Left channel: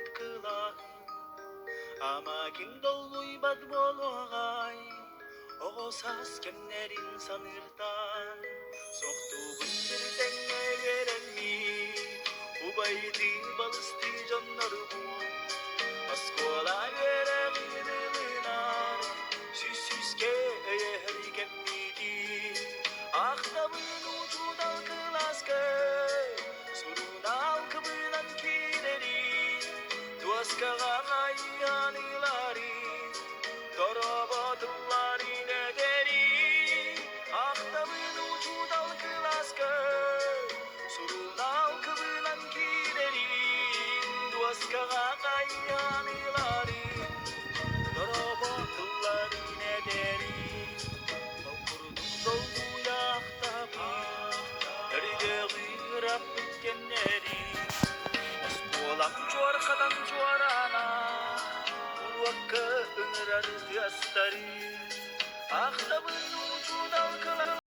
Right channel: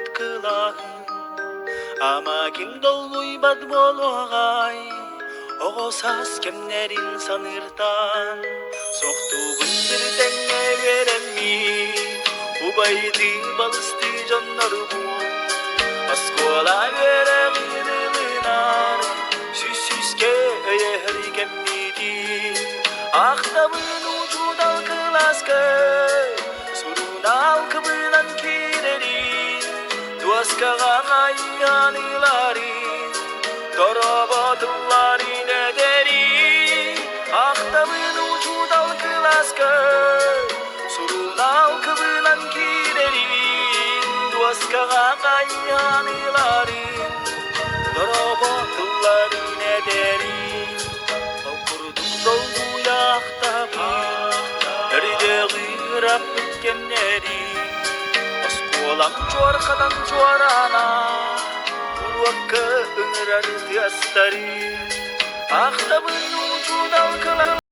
бит кылаһын. Амакиң долбуйбат болугай, огосас кемнерин саныртан. Соқтугун бир теңе беремми, убайды балысты жоннорбу. Аскола беремидилинар, süsüske öyehrikemmidi. Ахтабын учудал кыласка, сурунал кыбынан кирерин. Дуаскага кайяныларин, тороботуларин эдерин. Ахтабын учудал кыласка, сурунал кыбынан кирерин. Дуаскага кайяныларин, тороботуларин эдерин. Okurduk doldu yaktapı, nerede gırap bitkenleri. Askolam çuarkadan çuarana, Urvakka ıngırar diyastari. Ahtabın ucu dalkılar.